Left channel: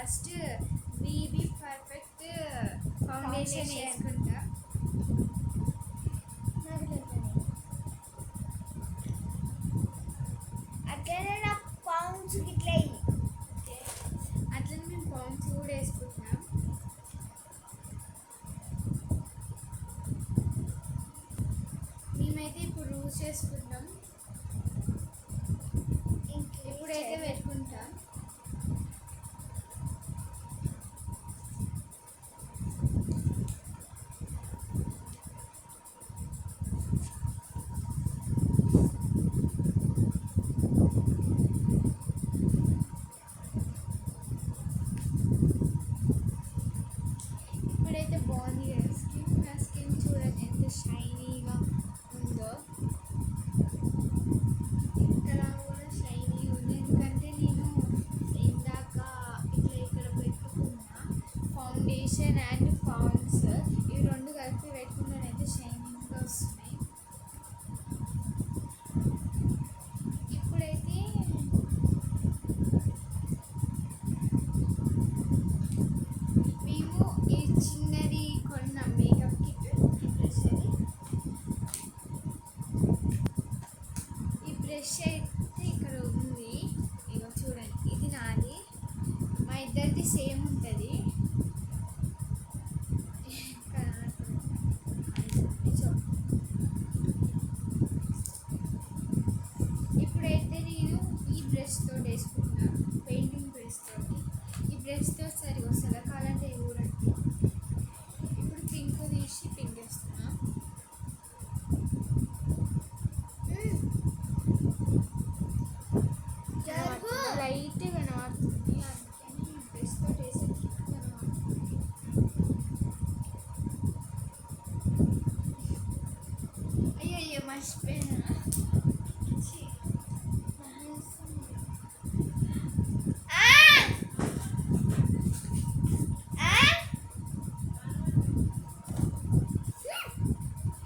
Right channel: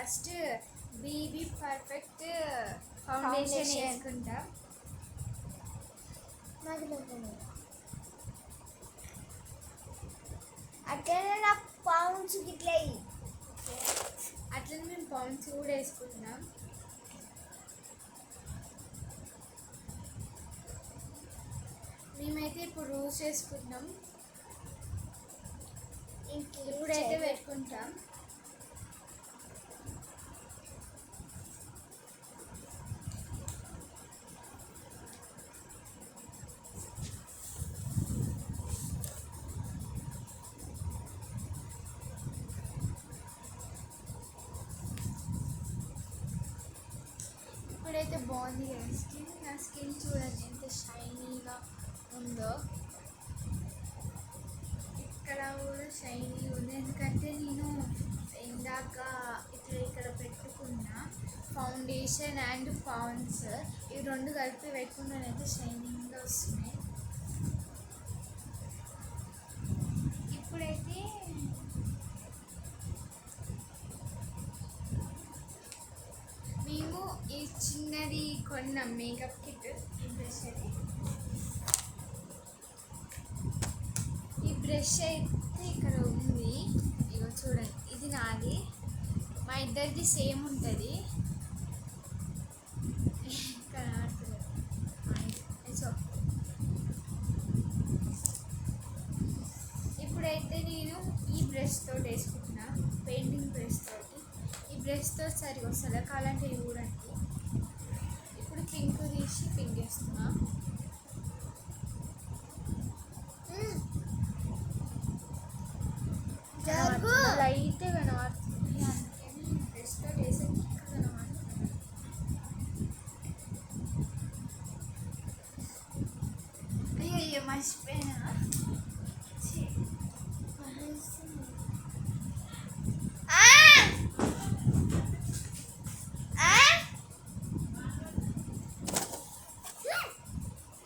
First BB perfect foundation వేసుకుంటాం. అట్లనే నాకు పౌండ్స్ గిట్లా అట్లనే మేము పౌండ్స్ కూడా వేసుకుంటున్నాం. మేమైతే ఇప్పుడు రూల్స్ వేసుకుంటాం. ఇప్పుడైతే పెట్టుకుంటాం. ఇప్పుడైతే బాగుంది కదా స్కిన్. నా స్కిన్ చూడండి ఎంత షైనీగా ఉందో. ఇక్కడ కూడా షైనీ ఉంది ఎందుకంటే నేను ఇందాక ఇక్కడ పెట్టుకున్న ఫౌండేషన్ అండ్ పౌండ్స్ ఇవి రెండు కలిపి పెట్టుకున్నానైతే షైనింగ్గా వస్తున్నాయి. ఇప్పుడైతే మేము ఈ చిన్నది కొన్నాం మేకప్ కిట్. ఈ బ్రష్ అయితే ఇక్కడ ఉంది. ఇగో చూడండి, ఇది నాది. మా ఇద్దరిది సేమ్ ఉంటుంది. ఇప్పుడైతే నేను ఈ బ్రష్ తోటి వేసుకుంటున్నా, పెయింటింగ్ బ్రష్ తోటి. ఈ బ్రష్ తోటి సరిగా వస్తుందా కావాలంటే చూడండి. ఇప్పుడు పింక్ తీసి పింక్ వేస్తున్నా. లైట్ కనబడుతుంది అందుకని బ్రష్ తోటి వేసరికి కనబడుతుంది. అయ్యో మర్చిపోయినా.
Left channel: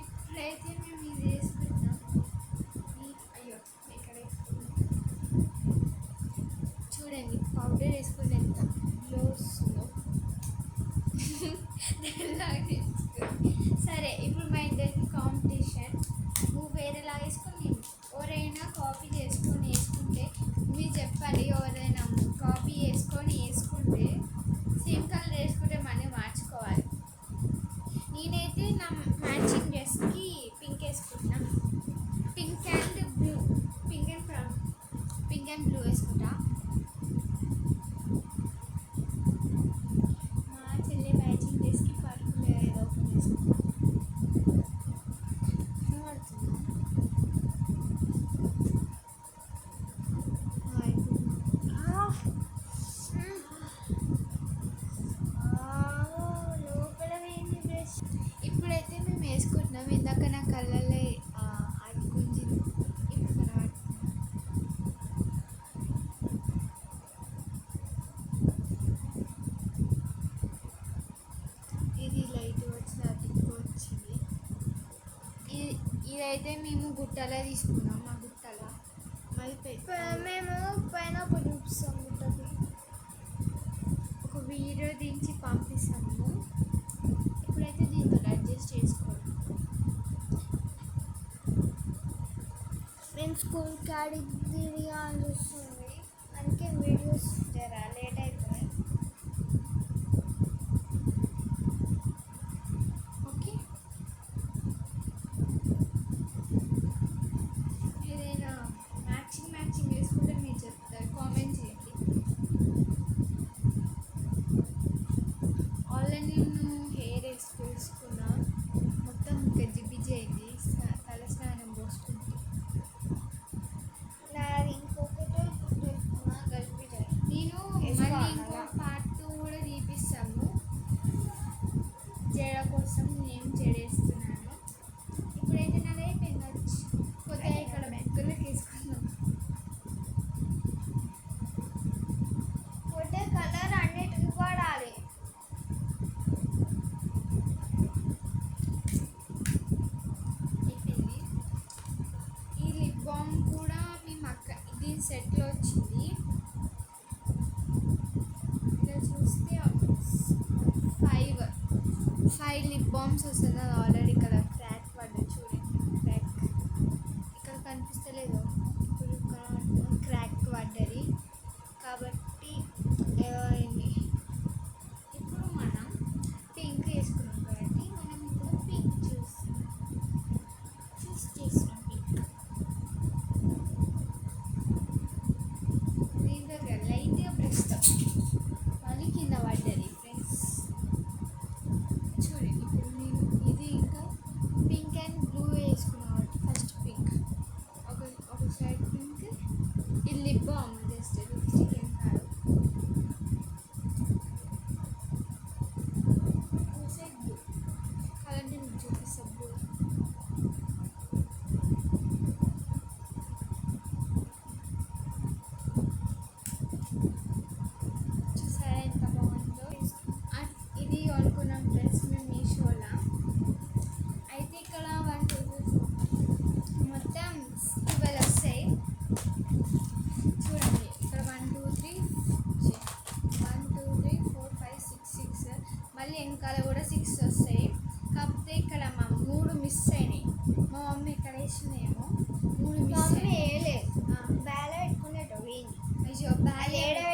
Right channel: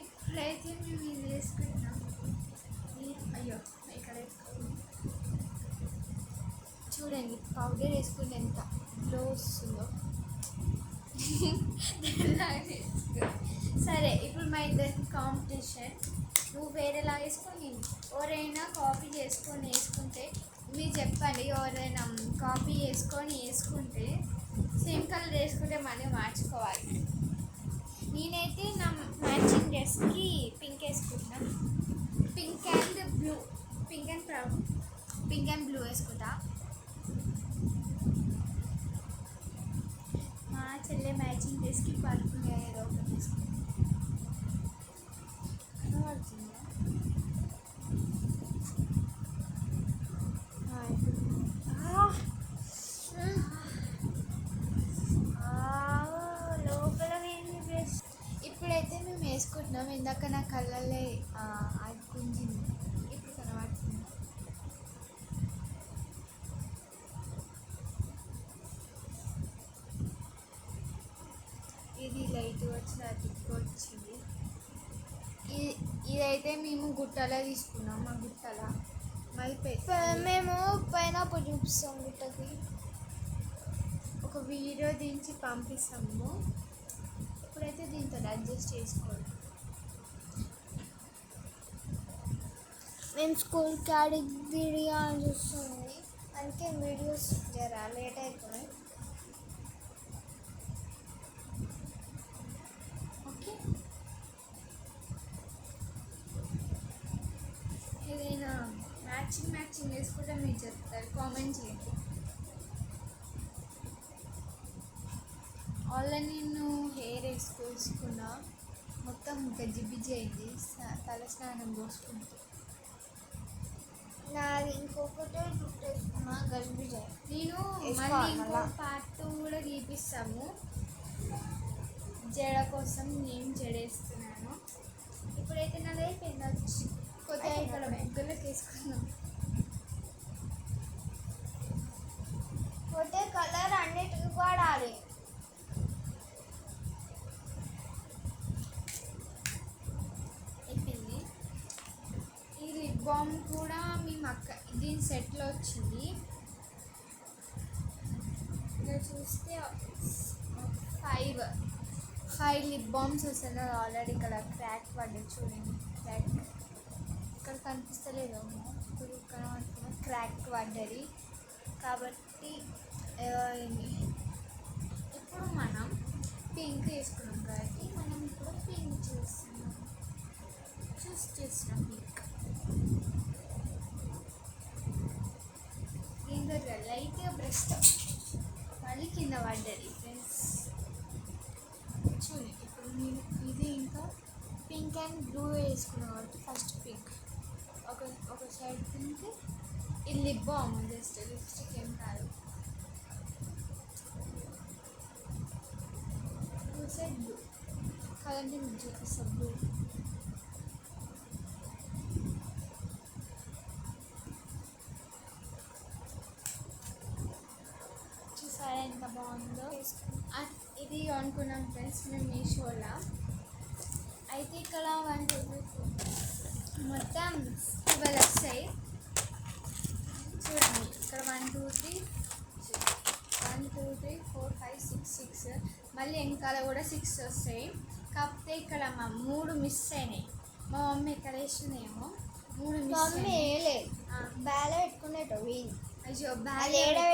ఇప్పుడైతే మేము ఇది వేసుకుంటాం. అయ్యో ఇక్కడ చూడండి పౌడర్ వేసుకుంటే ఎంత గ్లో వస్తుందో. సరే ఇప్పుడు మా ఇద్దరికి కాంపిటీషన్. నువ్వు వేరేలాగా వేసుకొని నేను ఎవరైనా కాపీ చేసుకొని వేసుకుంటే మీరు చెప్పాలి. ఎవరైనా కాపీ చేసుకొని వేసుకుంటే సేమ్ కలర్ వేసుకుంటే మళ్ళీ మార్చుకోవాలి. నేనైతే నా మ్యాచింగ్ డ్రెస్కి పింక్ వేసుకుంటున్నాను. Pink and blue, pink and blue వేసుకుంటా. మా చెల్లె మ్యాచింగ్ డ్రెస్కి పర్పుల్ ఏదో ఒకటి వేసుకుంటా. ఇప్పుడైతే మేము వేసుకుంటున్నాం. ఇందాక నా కళ్ళల్లో ఆడుకుంది, ఇప్పుడు కనబడుతుంది. ఇది లైట్ వచ్చిన థిక్ వచ్చింది. ఇదైతే మేము గుట్టలో తీసుకున్నాం. మా గుట్టల మేము పైన చూపిస్తాం. గుట్టకి ఒక వీడియో దించి పంపిస్తాము. ఇప్పుడైతే దీంతో అడ్జస్ట్ చేసుకోవాలి. నేను స్కూల్ కాడికి వీడియో అని చూస్తుంది, అందుకే వీడియోస్ జరా లేట్ అవుతున్నాయి. ఓకే, ఏదైనా మ్యాచింగ్ వేసుకుంటే మీరు చెప్తారు, కామెంట్ చేయండి. ఆల్రెడీ నేను హెయిర్ వేసుకున్నా, మొత్తం గజిబిజి అయింది. తల స్నానం పోసుకుంటే నాది ఇంకొకటి వేసుకున్నా గజిబిజి. నేను మళ్ళీ ఇంకో పార్ట్ 2 కూడా తీపిస్తాము. జడ కోసం నేను జడేస్తున్నాను. ఇప్పుడైతే నాది అయిపోయింది. వచ్చి కొద్దిగా ఇక్కడ బెంకులకు వేసుకున్నాం. పోతే కలర్ అన్నిటికి వాడాలి. అయిపోయింది. ఈ లిప్ బామ్ కూడా మేము దీని సెట్లో వచ్చింది. ఇలా చూస్తే ఫైవ్ ఫైవ్ లిప్ బామ్స్ వస్తుంది. అది ఆల్రెడీ ఇక్కడ క్రాక్ పడ్డది చూడండి. క్రాక్ ఇక్కడ కనిపిస్తలేదు, ఇప్పుడు క్రాక్ పడ్డది కాబట్టి ఏమైంది. ఇప్పుడు మనం పింక్ వేసుకున్నాం కాబట్టి మనం ఇప్పుడు పింక్ చూస్ చేస్తున్నాం. పింక్ దీంతో లైట్గా బ్రష్తో మళ్ళీ కింద పడ్డది ఫ్రెండ్స్. చూడండి ఇప్పుడు నేను ఇది ఇంకా పింక్ అండ్ బ్లూ వేసుకున్నాను కాబట్టి ఫస్ట్ పింక్ ఒక సైడ్ పింక్, ఇది లిప్ బామ్ జస్ట్ లిప్స్టిక్ ఏం కాదు. ఒక సైడ్ బ్లూ కాదంటే మీకు చూపిస్తాం. బ్లూ చూసారా ఎంత బాగుందో. ఇది అనుకున్నాం ఫ్రెండ్స్ మేము మీషోలో. అయితే ఇక్కడ 1 2 3 4 మొత్తం 12 వస్తాయి చూడండి. ఇక్కడ 1 2 3 4 5 6 మళ్ళీ వెనకాల కూడా 6 వస్తాయి. కాకపోతే ఇక్కడ మా 3 మిస్ అయినాయి. మా మమ్మీ ఎక్కడ వేసిందేమో 3 మిస్ అయినాయి. బ్యాగ్లో పెట్టుకునేటో అయ్యో బ్యాగ్లో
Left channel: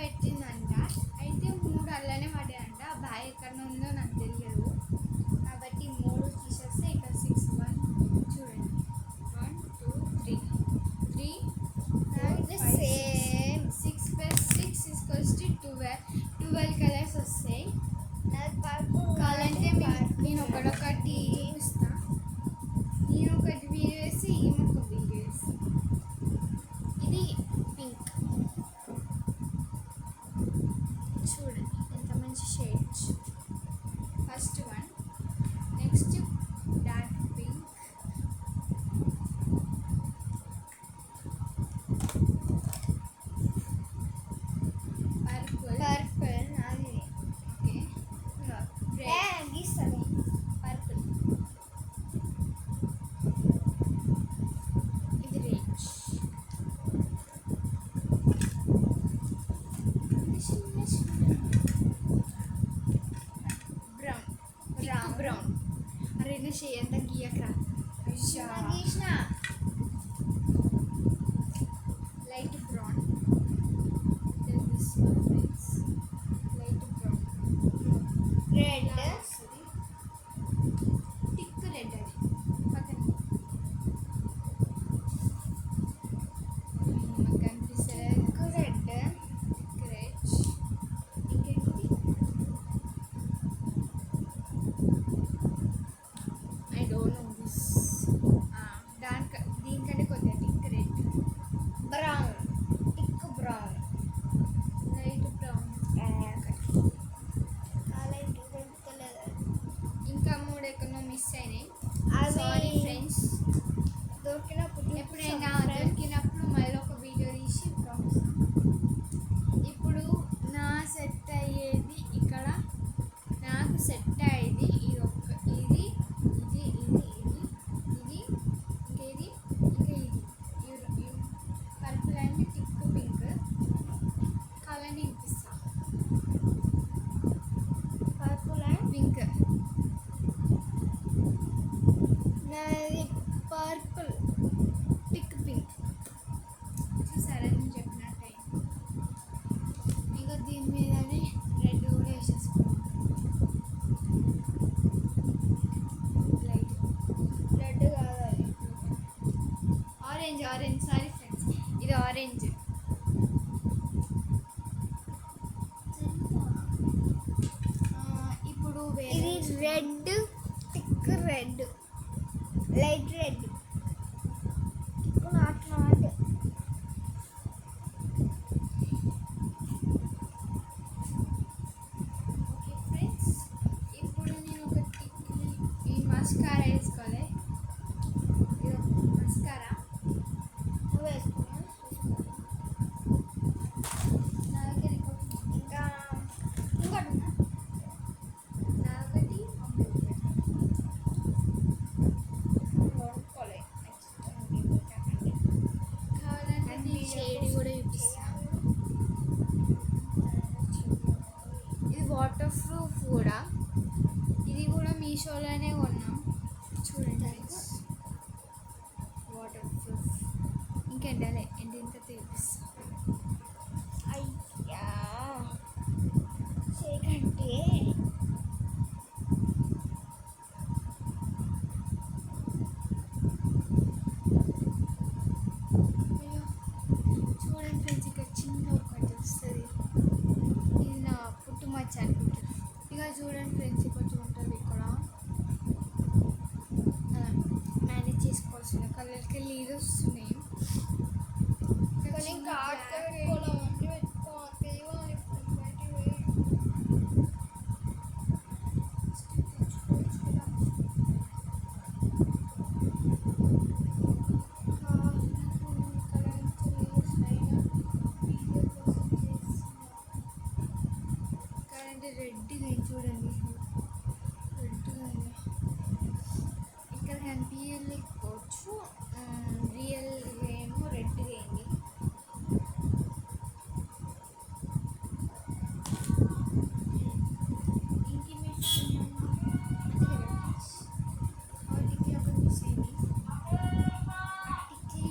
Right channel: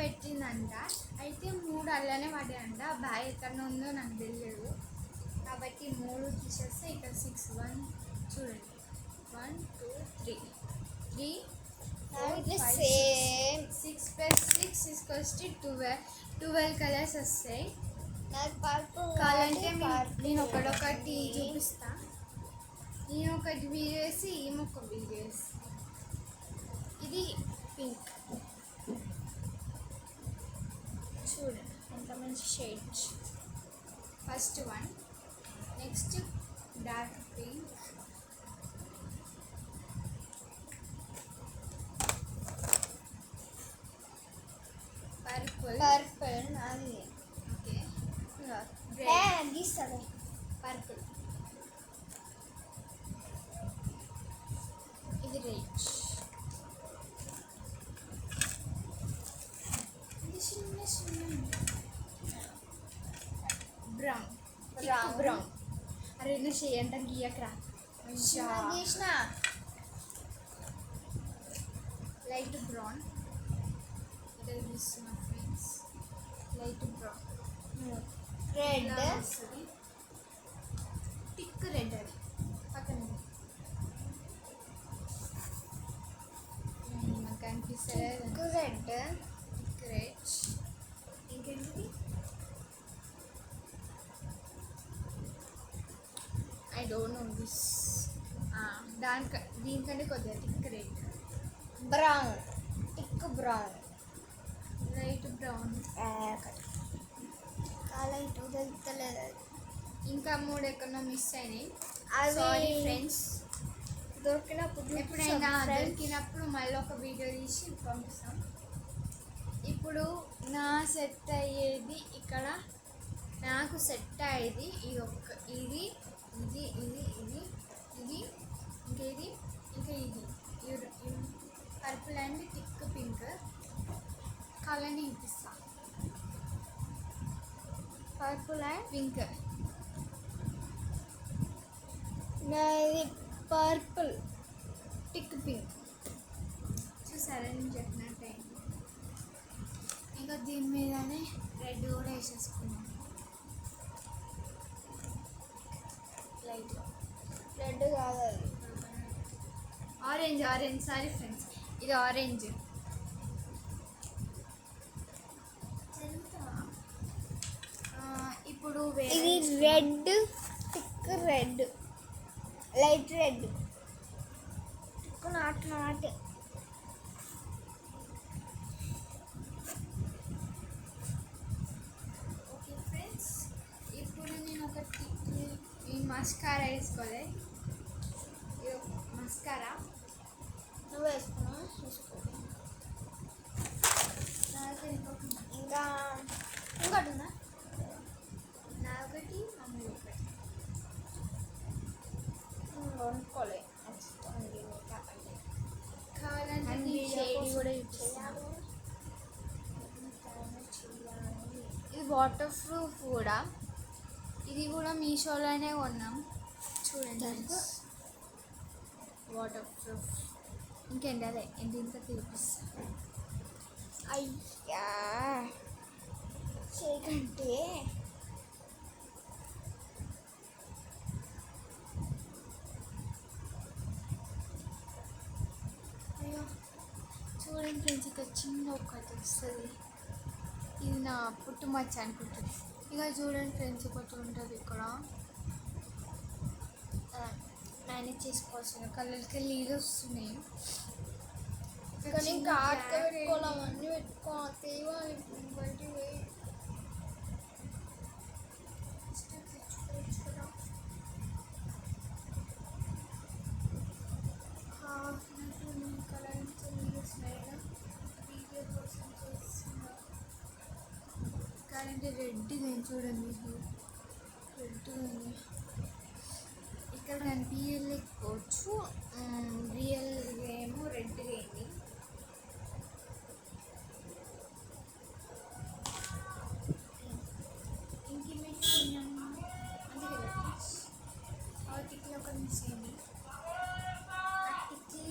పెట్టిందంట. అయితే 3 అల్లనే పడ్డాయంట. బ్యాగ్ ఎక్కడ ఉందో నాకు తెలియదు కాబట్టి 3 తీసేస్తే ఇక్కడ 6 1 చూడండి 1 2 3 3 4 5 6 + 6 = 12 కలర్స్ వస్తాయి. కావాలంటే నేను ఒకటి చూపిస్తా. నేను ఒకటి వీడియో వేసి ఈమె ఒక వీడియో వేసి. ఇది పింక్ చూడండి ఎంత మంచి shades. First one, next dark pink, purple నాది. ఓకే గీస్తుంది పర్పుల్, ఇది రెడ్, ఇది చిన్న బ్రౌన్ బ్రౌన్. అరే నువ్వు చేయంత గీయకరా. గీసిన లైట్ బ్రౌన్, ఇక్కడ తీస్తున్నా ఫ్రెండ్స్. లైట్ బ్రౌన్ రెడ్ వస్తుంది. టిక్ రెడ్ అది పక్కన మాకు కనిపిస్తలేదు. Red thick red. ఇంకేంటి ఐ డోంట్ నో దిస్. దీనికంటే కొద్దిగా thick red, brown thick brown light brown. Light తెలుస్తలేదు. ఇంకా 3 ఎక్కడో మిస్ అయినాయి. అవి సారీ ఫ్రెండ్స్. దొరికినప్పుడు ఎప్పుడైనా దొరికినప్పుడు మళ్ళీ ఒక వీడియో తీసి పంపిస్తాం. ఇప్పుడు నా సెట్ అయ్యేది ఇక్కడ, నాకు సెట్ అయ్యేది ఇది ఒక్క, ఇది ఇది ఇది ఇది ఇది ఇంకా ఇది ఇంకా ఇది పర్పుల్ అండ్ టిక్ పింక్. కావాలని చూపిస్తా. పర్పుల్ అండ్ పింక్ నాది పర్పుల్ టిక్ పింక్. చూసారా నేను చెప్పినట్టు. ఇంకా దీని మీదనే రెడ్ కూడా వేసేసుకున్నాం లైట్గా. రెడ్ కాదు అది ఆరెంజ్ సారీ ఫ్రెండ్స్, ఇది ఆరెంజ్. ఇప్పుడు ఇది red thick red light red not okay friends, ఇప్పుడు నేను ఒక ఈ మస్కారా వేసుకోవాలి. ఇది మస్కారా నువ్వు వేసుకున్నా నాకు ఇంకొకటి ఇంకా ఇంకోటి ఉందా? నా ఒకటి అమ్మ ఒకటి. కొనుక్కోలే కావాలంటే ఈ షేడ్ కూడా యూజ్ చేయాలి. వాటర్ ప్రూఫ్ కూడా. ఇది కూడా మీషోలోనే కొన్నాం. చూడండి ఫ్రెండ్స్, వాటర్ ప్రూఫ్. ఇంకేంటి అదే ఇంత తీపిస్తా. అయ్యా చేయకంటే అయ్యో చూడండి ఫ్రెండ్స్, ఇక చిన్న ఒకటి వస్తుంది. ఇది నా పుట్టుమచ్చ అనుకుంటుంది. ఇక చూడండి ఫ్రెండ్స్, ఒకటి ఉంటుంది ఇక్కడ. మేనేజ్ చేసుకోవాల్సిన కలర్కి నీళ్ళు వస్తున్నాయి. కానీ ఇంకా ఆటగా పెట్టుకోవాలి, అవన్నీ పెట్టుకోవాలి, తేవాలి బయటికి పోయి తెచ్చుకోవచ్చు కదా. కలర్ నుంచి నీళ్ళు వస్తాయి వీడియో కోసం చేస్తున్నా. కరెంట్ రెడ్గా చూడండి, రెడ్గా ఇక్కడ కనిపించలేకపోవచ్చు. రియల్ ఏమో రెడ్గా అయింది. వాటికి ఒక మిస్ అయింది. వాటికి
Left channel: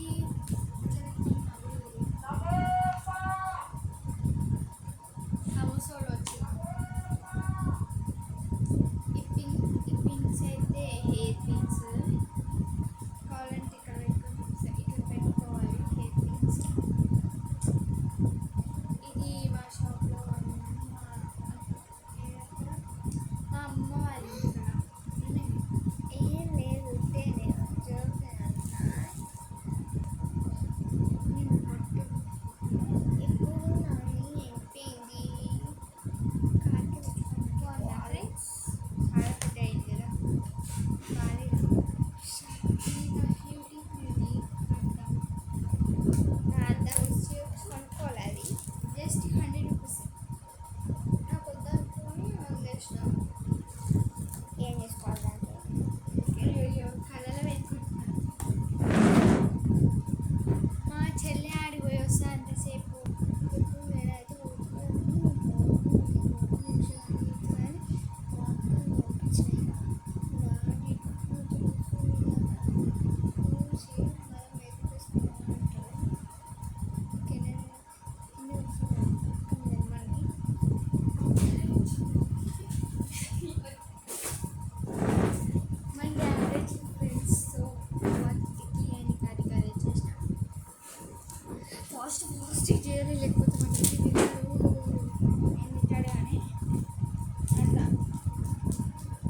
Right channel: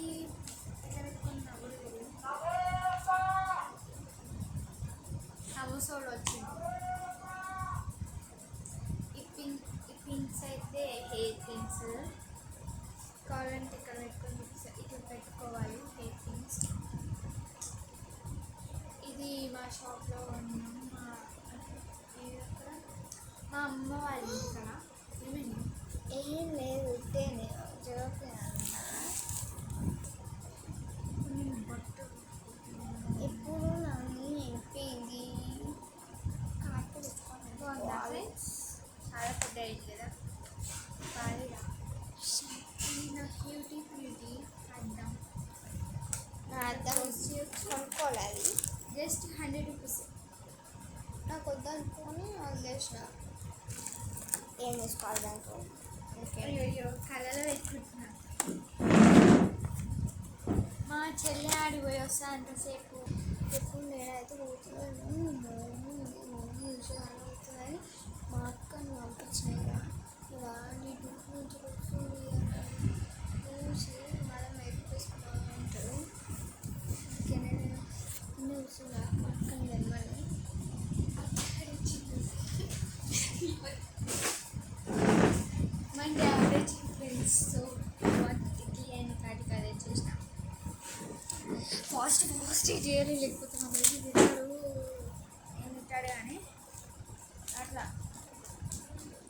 సమోసాలు వచ్చింది. ఈ పిన్స్ అయితే హెయిర్ పిన్స్. కావాలంటే ఇక్కడ పెట్టుకొని ఇక్కడ పెట్టుకోవాలి హెయిర్ పిన్స్. ఇది మా షాప్లో కొన్నాం. మా అమ్మ వాళ్ళ ఇంటికాడ. ఏమైంది? ఏం లేదు, ఉంటే నేను చూసాను. నేను పట్టు ఇప్పుడు నన్ను అయిపోయింది. కాకి పెట్టుకున్నాను. బాగుందా ఫ్రెండ్స్? చాలా పెద్ద అయింది కదా, బాగా. ఇది నా బ్యూటీ అద్దం. నా అర్థం కొనుక్కోవాలి, అది జస్ట్ 100 రూపీస్. నాకు వద్దనుకొని వదిలేసిన. ఏం చేసుకోవాలి దాంట్లో? అయ్యో కళ్ళలో పెట్టుకుంటున్నా. మా చెల్లె ఆడికి పోయి వస్తా అంతసేపు. ఎప్పుడు నేనైతే పోతున్నాను అవుతుందని మా అక్కని పంపించినాయి. వాడి నుంచి చూసి మనం ఎక్కిస్తున్నాను అంటారు. కెనడా వస్తున్నాను అక్కని తెమ్మని. మన డాడీ ఫ్రెండ్స్తో వాటికి అని కాటికి అదే చేసిన. ఫాస్ట్ చేయాలి, లేకపోతే మనకి తింటాడు. ఏం తింటాడు కానీ అట్లా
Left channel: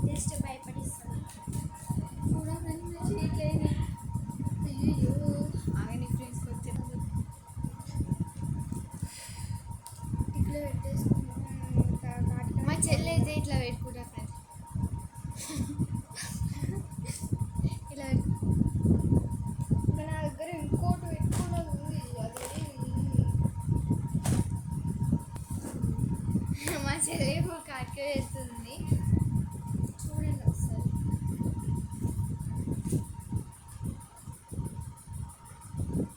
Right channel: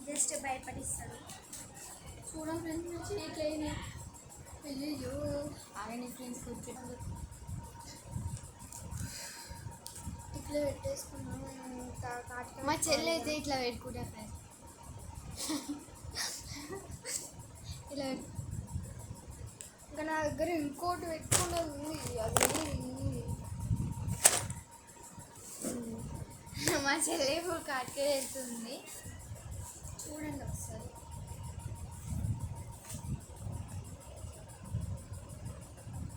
జస్ట్ భయపడిస్తాడు. చూడండి ఫ్రెండ్స్, చేకేది. అయ్యో ఆగని ఫ్రెండ్స్కి వచ్చేటప్పుడు ఇట్లా పెట్టేసుకున్నాను. మా చెల్లి అయితే ఇట్లా పెట్టుకుంటా ఫ్రెండ్స్. ఇలా ఇంకా నా దగ్గర ఇంకోటి పెట్టుకున్నది ఉంది. అది మా చెల్లి ఇప్పుడు కాటికే వెళ్తుంది. చూడండి ఒకసారి.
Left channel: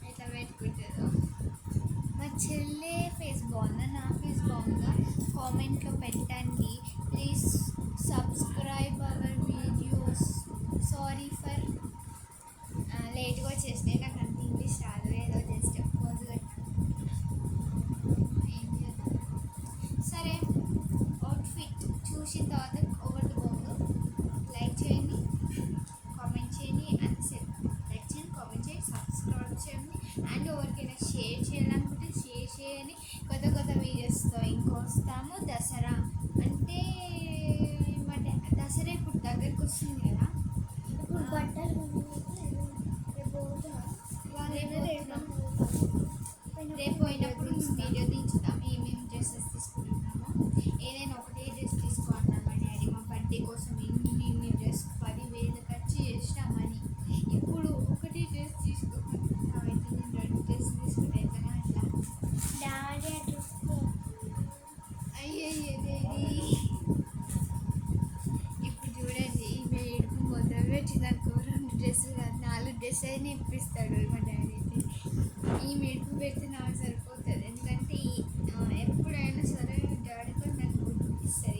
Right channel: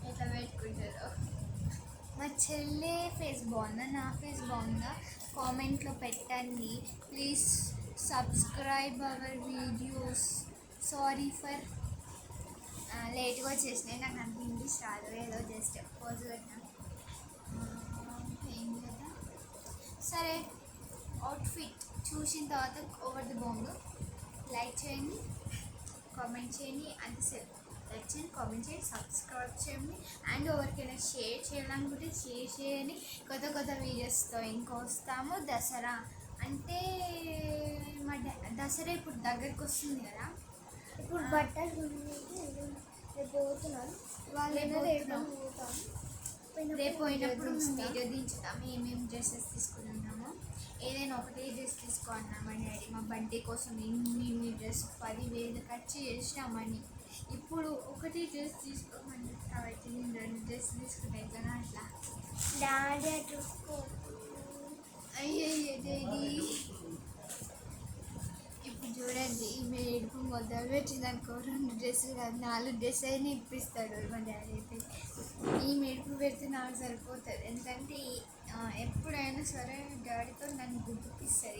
ఎట్లా పెట్టుకుంటుందో. మా చెల్లి ఫేస్ బాగుందా, నా ఫేస్ బాగుందా, కామెంట్లో పెట్టండి please. Subscribe our videos. Sorry for లేట్గా వచ్చేసినాయి. నాకు అంత ఇంగ్లీష్ రాదు, ఏదో జస్ట్ పోజ్ పెట్టాను. ఏం చేద్దాం. సరే, అవుట్ఫిట్ చూసిన తర్వాత ఒకటి బాగుందో లైక్ చేయండి, కామెంట్ చేయండి. అంతసేపు లైక్ చేయండి, కామెంట్ చేయండి, సబ్స్క్రైబ్ చేయండి. అండ్ ఎవరికైనా షేర్ చేయాలనుకుంటే షేర్ చేయండి. కొత్త వీడియోస్తో ఇంకొస్తాము. దసరా అంటే మా దసరా ఇప్పుడు దగ్గరికి వస్తుంది కదా. ఇప్పుడు బట్టలు కొనుక్కుంటే రేపు పోతున్నాను. వాళ్ళైనా రేపు పోయినప్పుడు వీడియో దించుతాం. ఏమేమి డ్రెస్సెస్ తీసుకున్నామో. ఏదైనా ఒకటే డ్రెస్ తీసుకోవాలి మా డాడీ. మా బర్త్డే కోసం ఇన్ని డ్రెస్ 10,000 ఖర్చు చేసినామని. ఇప్పుడు ఒకటే డ్రెస్ తీసుకోమంటున్నాం. అయితే నేను 2 డ్రెస్ తీసుకుంటే ఎట్లా అట్లా. డాడీ చూసుకో. అయ్యయ్యో డాడీ. ఇప్పుడు చూడండి, ఈమె ఏడుపు మొదలు పెట్టినాకో 2 డ్రెస్సులు కాదు 4 డ్రెస్ అయినా ఇప్పిస్తాడు మా డాడీ అయితే. ఈ మెడుపు పెడితే నాకు సరిపోతుంది. ఎందుకంటే ఎప్పుడైనా సరే డాడీతో నన్ను గుర్తిస్తుంది.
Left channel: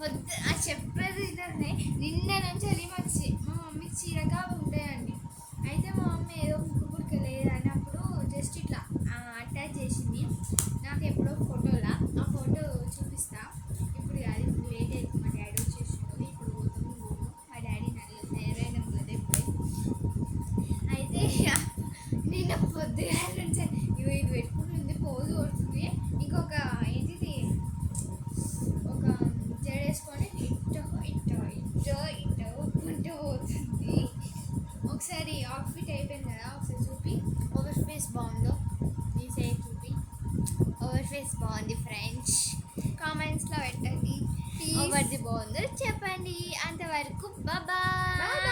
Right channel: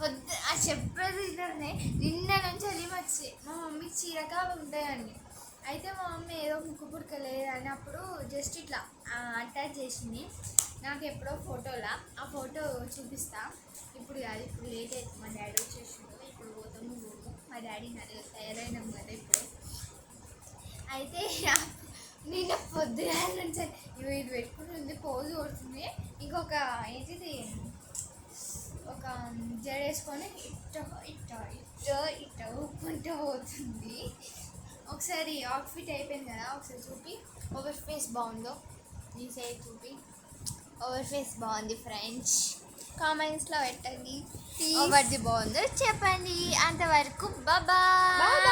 పొద్దు ఆ చెప్పేది ఇదే నిన్న నుంచి అది మా మమ్మీ చీరగా ఉంటాయండి. అయితే మా మమ్మీ ఏదో ముక్కు పుడక లేదన్నప్పుడు జస్ట్ ఇట్లా అటాచ్ చేసింది నాకు ఎప్పుడో ఫోటోలా. ఆ ఫోటో చూపిస్తా. ఇప్పుడు కాదు, ఇప్పుడు లేట్ అవుతుంది. మా డాడీ వచ్చేసిండు. ఇప్పుడు పోతాము మా డాడీ నన్ను తయారైనాం కదా ఇప్పుడే. అయితే నిన్న పొద్దున నుంచి ఇది పెట్టుకుంటుంది, పోజు కొడుతుంది. ఇంకొక ఏంటిది ఒక జడేసుకొని ఇట్ట ఇట్ట ఇట్ట ఇట్ట ఊపుకుంటూ పోతుంది. ఒకసారి అవుట్ఫిట్ అయిపోయింది కదా, ఒకసారి చూపి ఓవర్ ఫేస్ బాగుందో ఈ సైడ్ చూపి. ఓవర్ ఫేస్ బాగుంది ఫ్రెండ్స్, కామెంట్స్లో పెట్టండి. ఓవర్ది బాగుందో చెప్పండి. అంతవరకు బాయ్.